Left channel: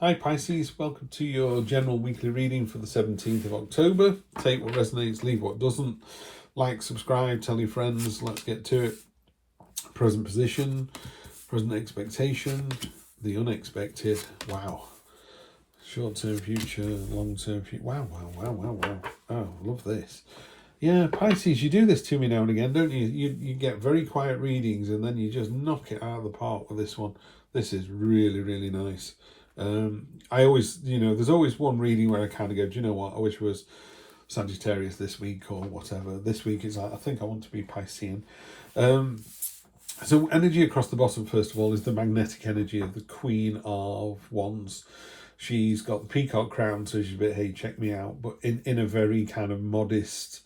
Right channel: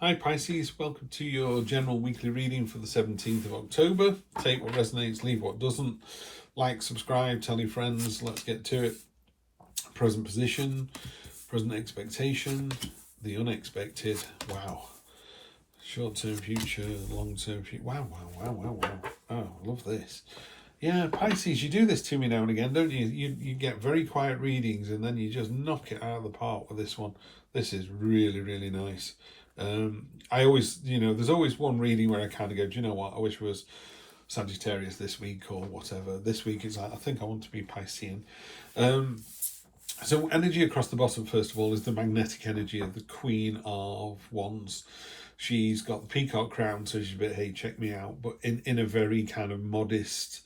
Hi Pisces, welcome to your general weekly reading for the 17th of October. Take what resonates, leave what doesn't. Like, subscribe, tell your friends, let's get to it. Present position, present expectation, the unexpected. Wow. Short-term future, long-term future. Wow. Oh, I love this. Yeah, Pisces, you do this to me now and again, don't you? You get very quiet readings and then you just knock it out of the park with this one. This is really, really nice. I always, there's always one reading where I kind of go, do you know what? I wish it was Sagittarius this week or whatever. This week is like, I think I want to be Piscean. So energy across the bottom, first of all, is the magnetic energy of the Queen of Wands. She's got the peacock crown, so she's a bit, hey, check me out, but in a very kind of modest,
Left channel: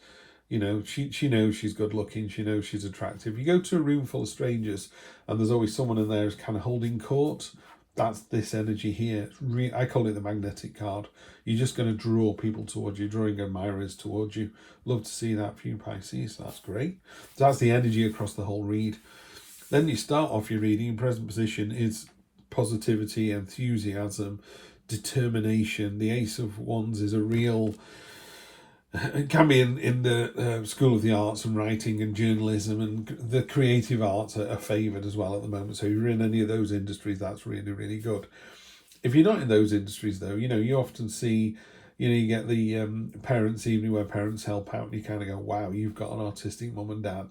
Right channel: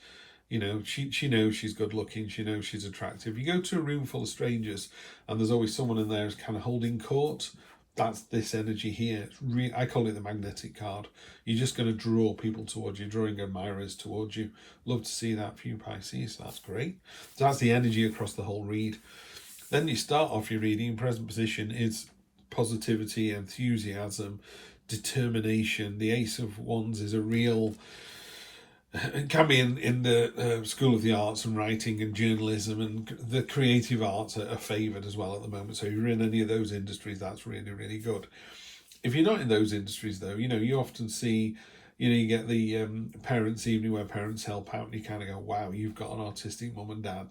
she knows she's good looking, she knows she's attractive. You go to a room full of strangers and there's always someone in there who's kind of holding court. That's this energy here. I call it the magnetic card. You're just going to draw people towards you, drawing admirers towards you. Love to see that for you, Pisces. That's great. So that's the energy across the whole read. Then you start off your reading in present position is positivity, enthusiasm, determination. The Ace of Wands is a real... It can be in the School of the Arts and writing and journalism, and the creative arts are favoured as well at the moment. So if you're in any of those industries, that's really, really good. If you're not in those industries, though, you often see, you get the parents' evening where parents help out and you kind of go, wow, you've got an artistic mum and dad,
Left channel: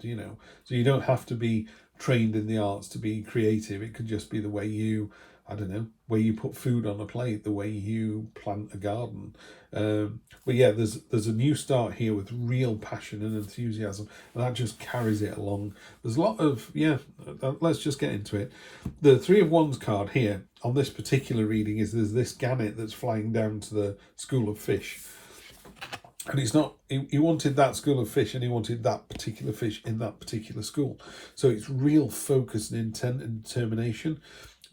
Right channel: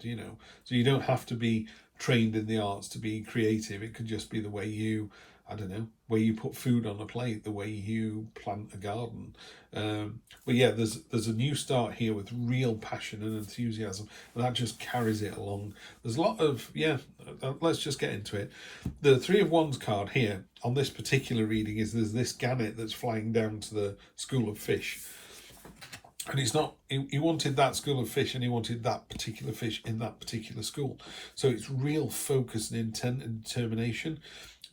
So you don't have to be trained in the arts to be creative. It could just be the way you, where you put food on a plate, the way you plant a garden. But yeah, there's a new start here with real passion and enthusiasm, and that just carries it along. There's a lot of, let's just get into it. The Three of Wands card here on this particular reading is there's this gannet that's flying down to the school of fish. And it's not, he wanted that school of fish and he wanted that particular fish in that particular school. So it's real focus and intent and determination.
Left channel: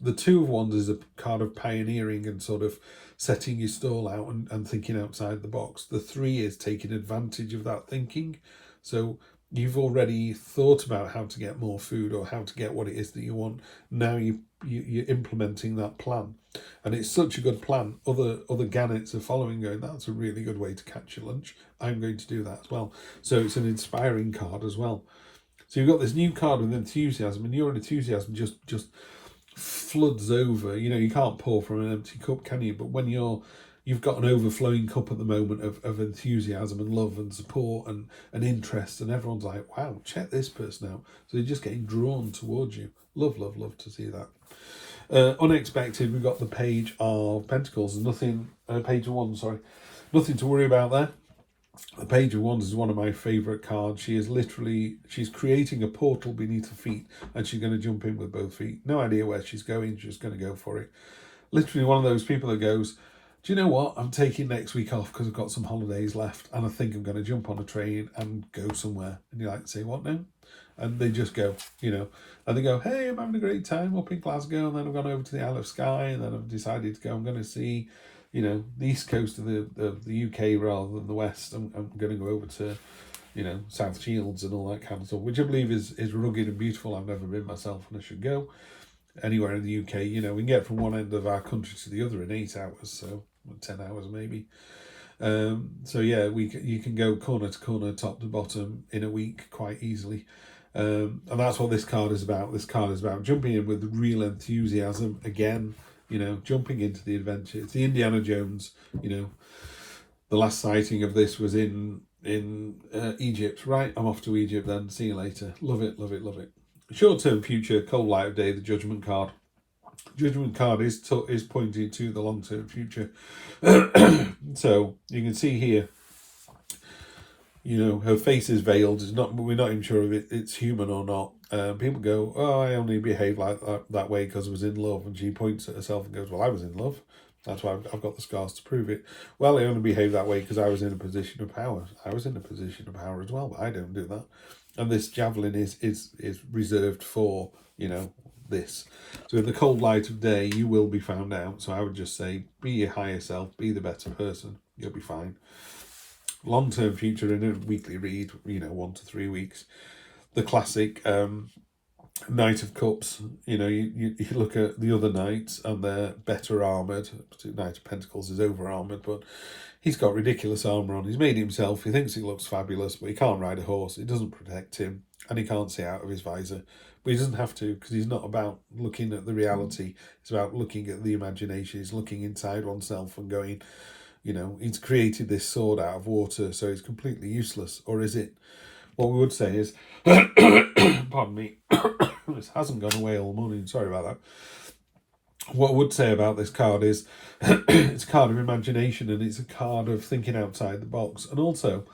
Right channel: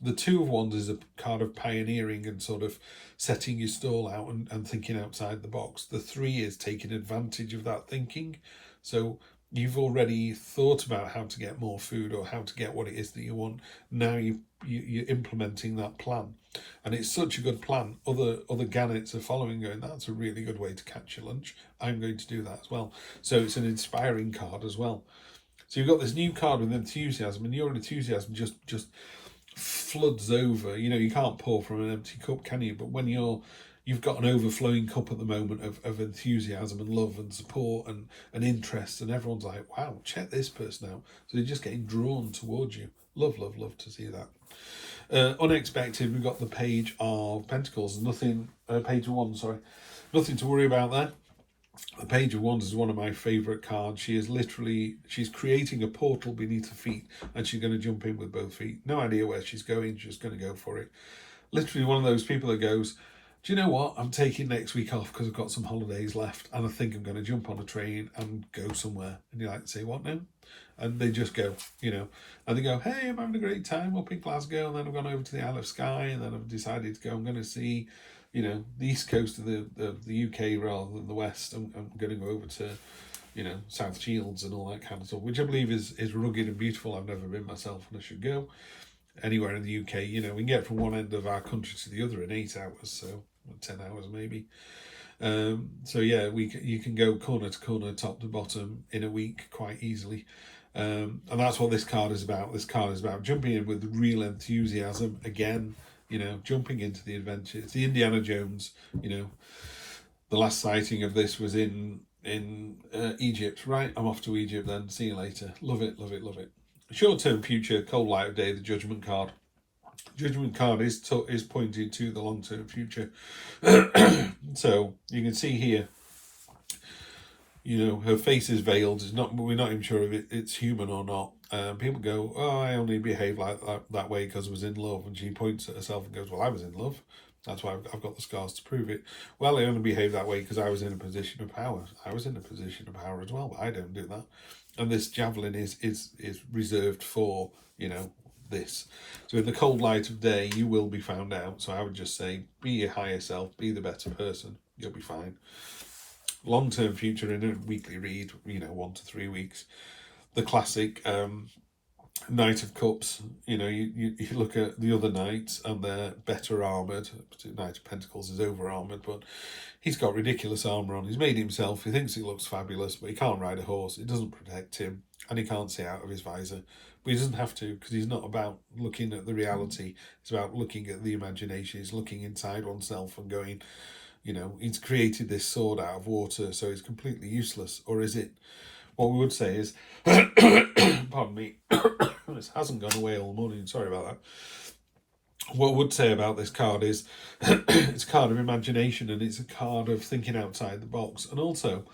The Two of Wands is a card of pioneering and sort of setting your stall out and thinking outside the box. The Three is taking advantage of that thinking. So you've already thought about how to get more food or how to get what it is that you want. Now you're implementing that plan. And it's such a good plan. Other gannets are following, going, that's a really good way to catch your lunch. I'm going to do that as well. So it's an inspiring card as well. So you've got this new card with enthusiasm, and your enthusiasm just floods over. You can't pour from an empty cup, can you? But when you've got an overflowing cup at the moment of enthusiasm and love and support and interest, and everyone's like, wow, check this person out. So you're just getting drawn towards you. Love to see that. Unexpected, we've got the Page of Pentacles. Page of Wands, sorry. Nothing to worry about there. The Page of Wands is one of my favourite cards. She's creating a portal beneath her feet, and she's going to jump in with both feet. No idea where she's going, she's going to go for it. Literally one of those people that goes, do you know what? I'm taking next week off because I've got some holidays left, and I think I'm going to jump on a train and go somewhere. And you're like, say what now? And they just go, and they go, hey, I'm having a great time up in Glasgow, and then I've gone over to the Isle of Skye, and then I've decided to go, I'm going to see, the east coast of the UK rather than the west. I'm going to go over to, South Shields and all that kind of stuff, which I believe is rugged and beautiful. I've never been myself, and I should go anywhere in the UK. We can get from one end of our country to the other in 8 hours, so 10 hours maybe. So yeah, you can go corner to corner, top to bottom in a week quite easily. And that's what this card is about. This card is about jumping in with real enthusiasm again, jumping into the adventure. It's the Indiana Jones, the last sighting of this was in Egypt. Right, I'm off to Egypt then. See you later. Love it. Short-term future, cold light of day, the Judgment card. Judgment card is pointing to the long-term future. So you can see here, her face is veiled. We're not even sure if it's human or not. People go, oh, I only behaved like that way because I was in love. And she points at herself and goes, well, I was in love. That's why I've got the scars to prove it. Well, I only behaved that way because I was in a position of power. I was in a position of power as well, but I don't do that. And this javelin is reserved for, this. So in the cold light of day, you will be found out. So I would just say, be your higher self, be the better person. You'll be fine. Long-term future in a weekly read, 1 to 3 weeks. The classic Knight of Cups, you know, you look at the other knights and they're better armoured. Knight of Pentacles is over armoured, but he's got ridiculous armour on. He's made himself, he thinks he looks fabulous, but he can't ride a horse. It doesn't protect him, and he can't see out of his visor. But he doesn't have to, because he's not about looking at the reality. It's about looking at the imagination. He's looking inside oneself and going, you know, he's created this sword out of water, so it's completely useless. Or is it? What we would say is, pardon me, this hasn't gone away all morning, sorry about that. What I would say about this card is, it's a card of imagination, and it's a card of thinking outside the box. And also,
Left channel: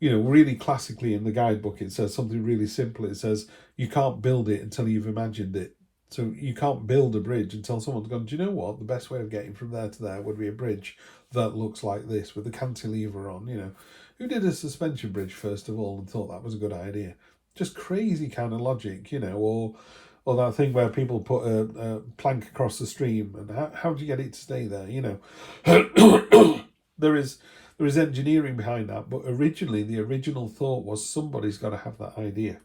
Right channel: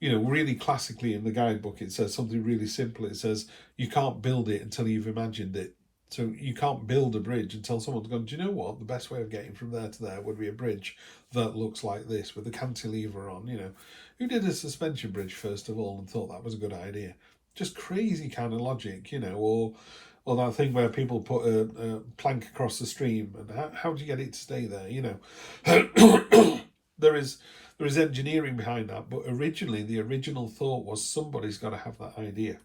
you know, really classically in the guidebook, it says something really simple. It says, you can't build it until you've imagined it. So you can't build a bridge until someone's gone, do you know what? The best way of getting from there to there would be a bridge that looks like this with the cantilever on, you know. Who did a suspension bridge, first of all, and thought that was a good idea? Just crazy kind of logic, you know, or that thing where people put a plank across the stream, and how do you get it to stay there, you know? There is engineering behind that, but originally the original thought was somebody's got to have that idea.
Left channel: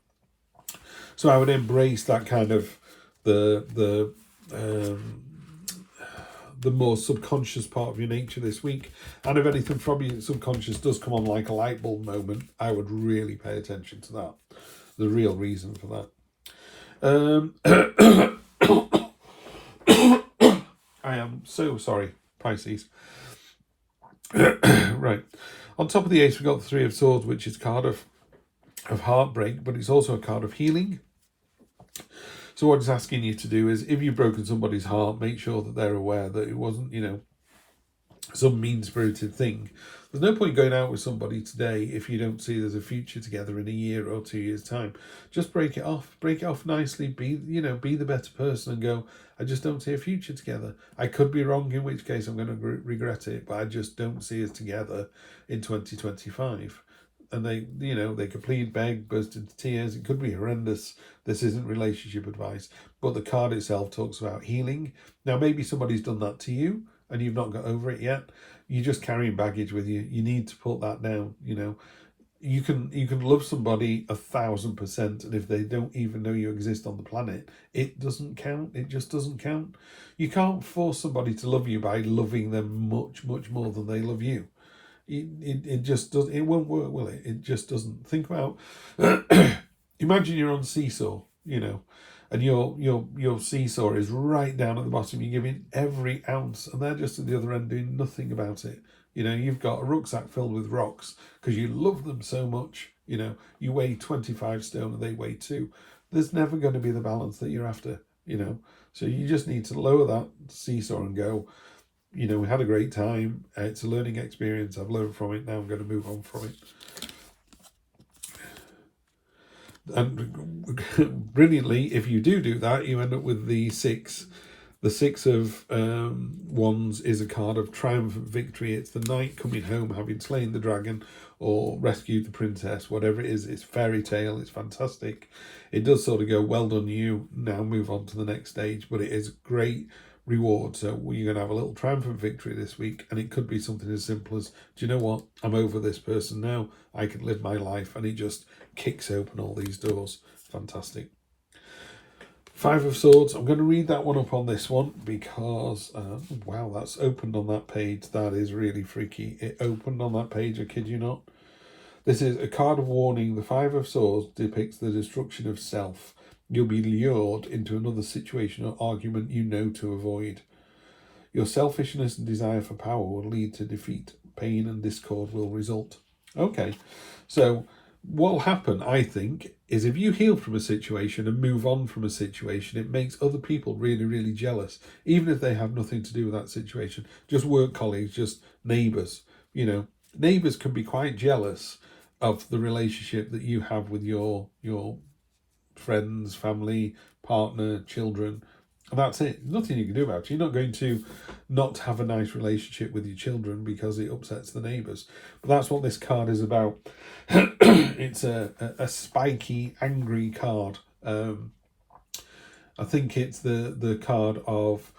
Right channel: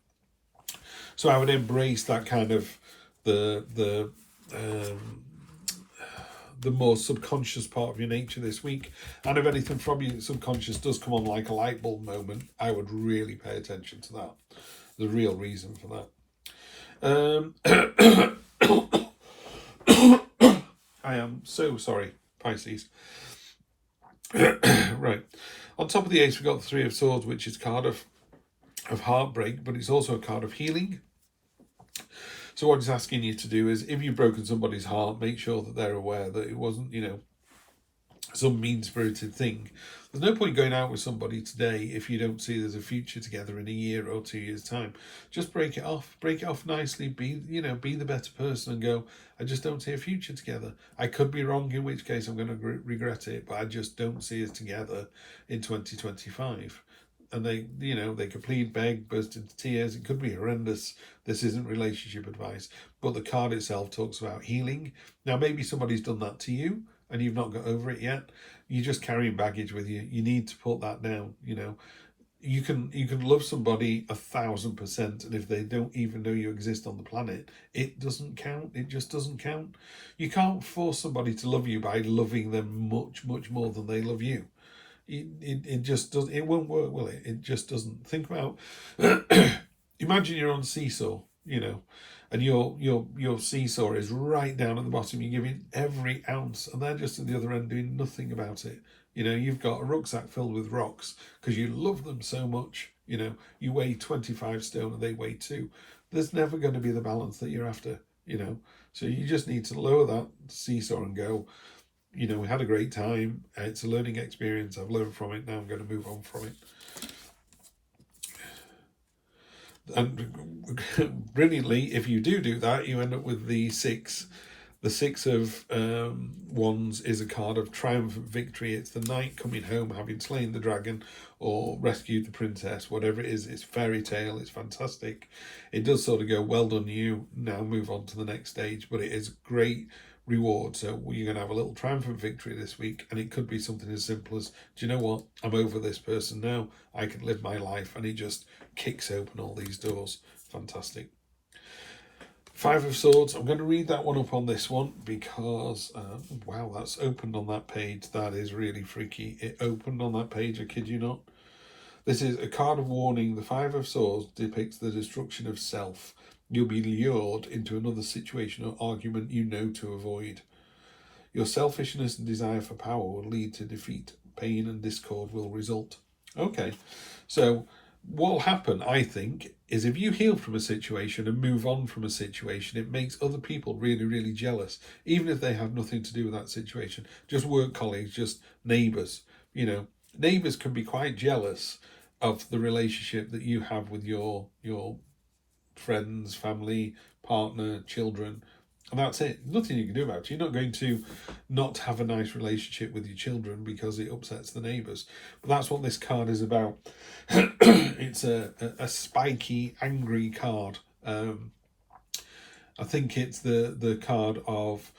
So I would embrace that kind of the more subconscious part of your nature this week. And if anything from your subconscious does come on like a light bulb moment, I would really pay attention to that. The real reason for that. I am so sorry, Pisces. Right. On top of the ace, we've got the Three of Swords, which is a card of heartbreak, but it's also a card of healing. So what it's asking you to do is, if you've broken somebody's heart, make sure that they're aware that it wasn't, you know, some mean-spirited thing. There's no point going out with somebody today if you don't see there's a future together in a year or 2 years' time. Just break it off nicely, be the better person and go, I just don't see a future together. I could be wrong, in which case I'm going to regret it, but I just don't see us together in 2025. And they could plead, beg, burst into tears. It could be horrendous. This isn't relationship advice. But the card itself talks about healing. Now, maybe somebody's done that to you and you've not got over it yet. You're just carrying baggage with you. You need to put that down, you know. You can love somebody 1,000%, and if they don't even know you exist on the planet, it doesn't count. It just doesn't count. You can't force somebody to love you by loving them much, much more than they love you. It just doesn't. It won't work, will it? It just doesn't. Think about. Imagine you're on seesaw, you know, and your seesaw is right down at the bottom. You're giving every ounce, and they're just at the other end doing nothing about it. You know, you've got a rucksack filled with rocks because you love them so much. You know, you weigh 25 stone and they weigh 2. There's never going to be the balance that you're after. You know, so you just need to lower that seesaw and go, you know, we had a great time. It's a learning experience. I've learned from it. Now I'm going to move on from it. And brilliantly, if you do that, you end up with the 6. The 6 of Wands is a card of triumphant victory. It's the knight coming home, having slain the dragon or rescued the princess, whatever it is. It's fairy tale. It's fantastic. It does sort of go, well done you. Now move on to the next stage. But it is great reward. So you're going to have a little triumphant victory this week, and it could be something as simple as, do you know what, I'm over this person now, I can live my life, and it just kicks open all these doors. Fantastic. 5 of Swords, I'm going to read that one up on this one because wow, that's opened on that page. That is really freaky. It opened on that page, I kid you not. This is a card of warning. The 5 of Swords depicts the destruction of self. You'll be lured into another situation or argument you know to avoid. Your selfishness and desire for power will lead to defeat. Pain and discord will result. Okay, so what will happen, I think, is if you heal from a situation and move on from a situation, it makes other people really, really jealous, even if they have nothing to do with that situation. Just work colleagues, just neighbours. You know, neighbours can be quite jealous of the relationship that you have with your friends, family, partner, children, and that's it. Nothing you can do about it. You're not going to not have a nice relationship with your children because it upsets the neighbours. But that's what this card is about. It's a spiky, angry card. I think it's the card of,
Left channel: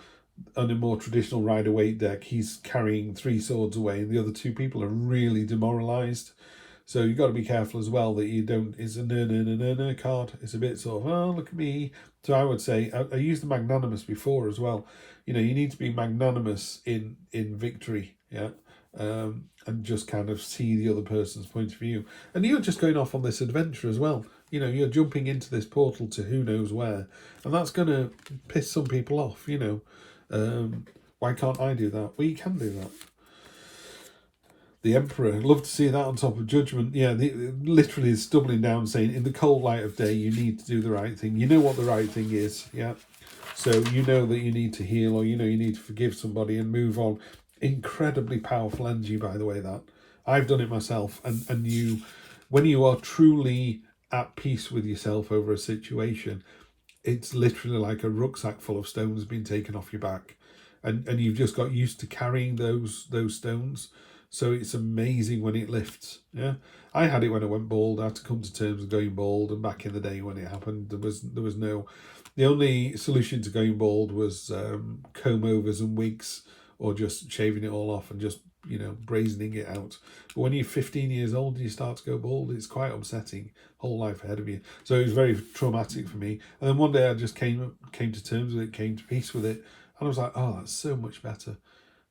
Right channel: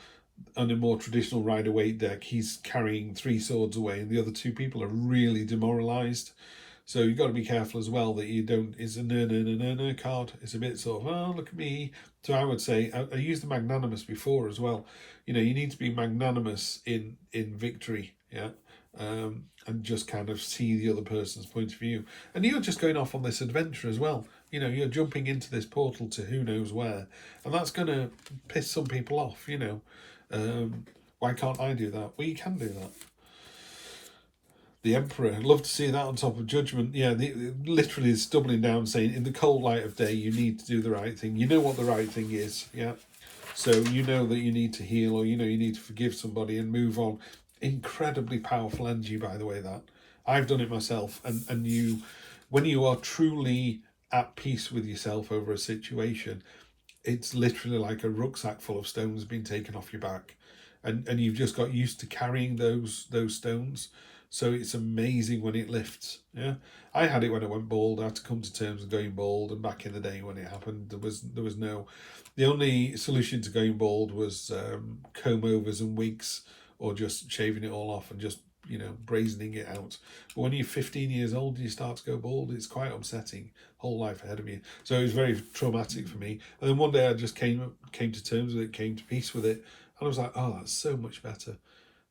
on a more traditional Rider-Waite deck, he's carrying 3 swords away and the other 2 people are really demoralised. So you've got to be careful as well that you don't, it's a no card. It's a bit sort of, oh, look at me. So I would say, I used the magnanimous before as well. You know, you need to be magnanimous in victory, yeah? And just kind of see the other person's point of view. And you're just going off on this adventure as well. You know, you're jumping into this portal to who knows where. And that's going to piss some people off, you know. Why can't I do that? Well, you can do that. The Emperor, I'd love to see that on top of Judgment. Yeah, literally is doubling down, saying in the cold light of day, you need to do the right thing. You know what the right thing is, yeah? So you know that you need to heal, or you know you need to forgive somebody and move on. Incredibly powerful energy, by the way, that. I've done it myself. And you, when you are truly at peace with yourself over a situation, it's literally like a rucksack full of stones being taken off your back. And you've just got used to carrying those stones. So it's amazing when it lifts. Yeah, I had it when I went bald. I had to come to terms with going bald, and back in the day when it happened, there was no. The only solution to going bald was comb overs and wigs, or just shaving it all off and just, you know, brazening it out. But when you're 15 years old and you start to go bald, it's quite upsetting. Whole life ahead of you. So it was very traumatic for me. And then one day I just came to terms with it, came to peace with it, and I was like, oh, that's so much better.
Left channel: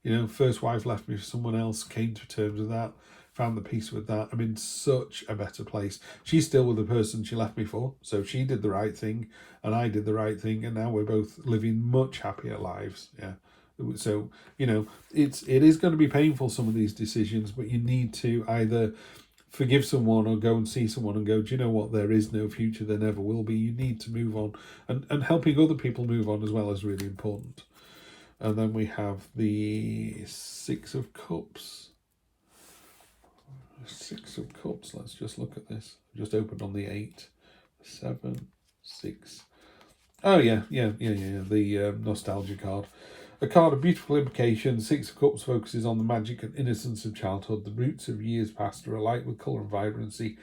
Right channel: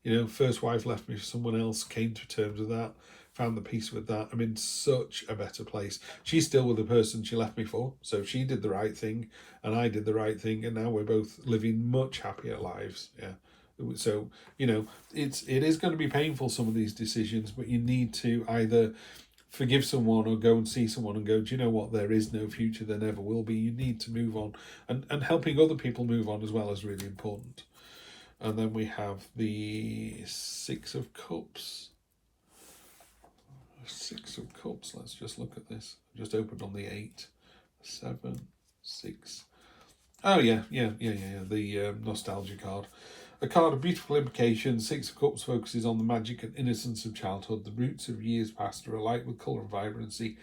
You know, first wife left me for someone else, came to terms with that, found the peace with that. I'm in such a better place. She's still with the person she left me for, so she did the right thing, and I did the right thing, and now we're both living much happier lives. Yeah. So, you know, it is going to be painful, some of these decisions, but you need to either forgive someone or go and see someone and go, do you know what, there is no future, there never will be. You need to move on, and helping other people move on as well is really important. And then we have the Six of Cups. Six of Cups, let's just look at this. Just opened on the 8, 7, 6. Oh yeah, the nostalgia card. A card of beautiful implications. Six of Cups focuses on the magic and innocence of childhood. The roots of years past are alight with colour and vibrancy.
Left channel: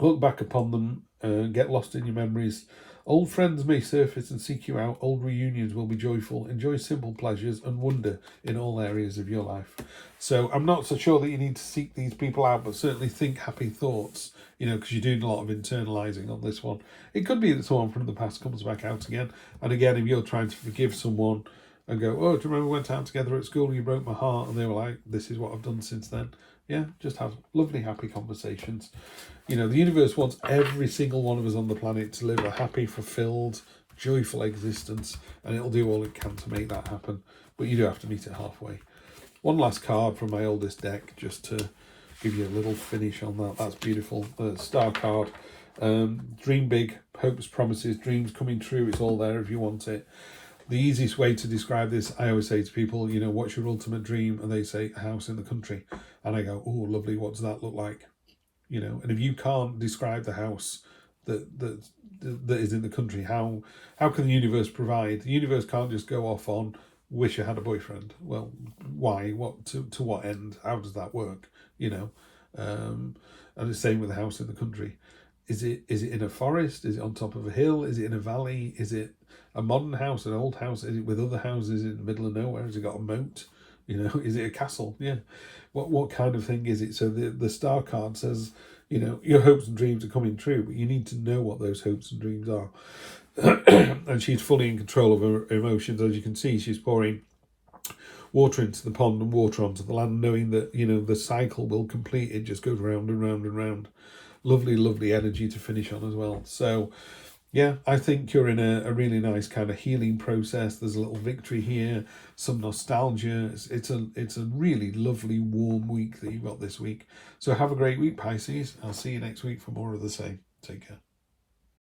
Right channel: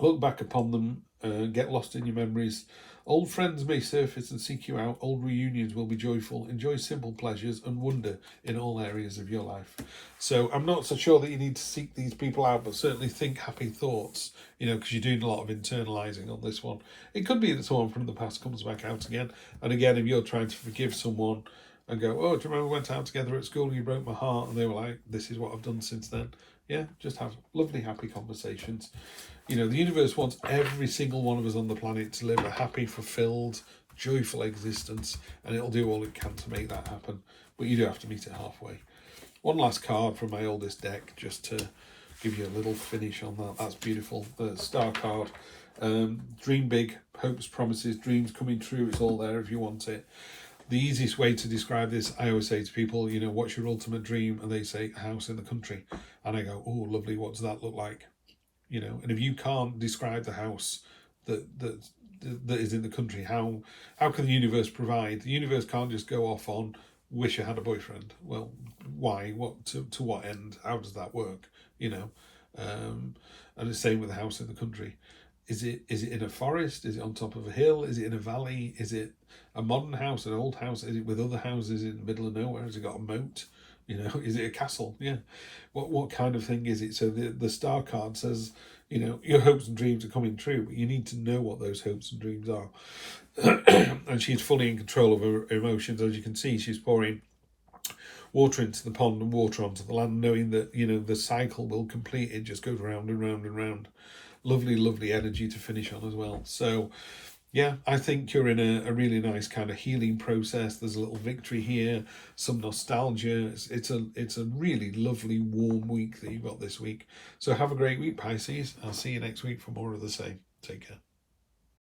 Look back upon them and get lost in your memories. Old friends may surface and seek you out. Old reunions will be joyful. Enjoy simple pleasures and wonder in all areas of your life. So I'm not so sure that you need to seek these people out, but certainly think happy thoughts, you know, because you're doing a lot of internalizing on this one. It could be that someone from the past comes back out again. And again, if you're trying to forgive someone and go, oh, do you remember we went out together at school and you broke my heart? And they were like, this is what I've done since then. Yeah, just have lovely, happy conversations. You know, the universe wants every single one of us on the planet to live a happy, fulfilled, joyful existence, and it'll do all it can to make that happen. But you do have to meet it halfway. One last card from my oldest deck, just to give you a little finish on that. That's beautiful. The Star card. Dream big, hopes, promises, dreams coming true. It's all there if you want it. The easiest way to describe this, I always say to people, you know, what's your ultimate dream? And they say, a house in the country. And I go, oh, lovely, what does that look like? You know, and if you can't describe the house that is in the country, how can the universe provide? The universe can't just go off on, wish I had a boyfriend. Well, why? What to what end? How does that work? You know, and the same with the house in the country. Is it in a forest? Is it on top of a hill? Is it in a valley? Is it a modern house, an old house? Is it with other houses in the middle of nowhere? Has it got a moat? You know, is it a castle? Yeah. What kind of thing is it? So the Star card says, you know, your hopes and dreams are coming true, but you need to know what those hopes and dreams are. And she's fully in control of her emotions. As you can see, she's pouring water into the pond and water onto the land, knowing that, you know, the cycle will complete. It just goes round and round and round. Lovely, lovely energy to finish on as well. So, yeah, I think you're in a really nice kind of healing process. There's a little victory here, some nostalgia. It's a really lovely, warm week that you've got this week. So have a great week, Pisces. I'll see you next week for more of the same. Take care.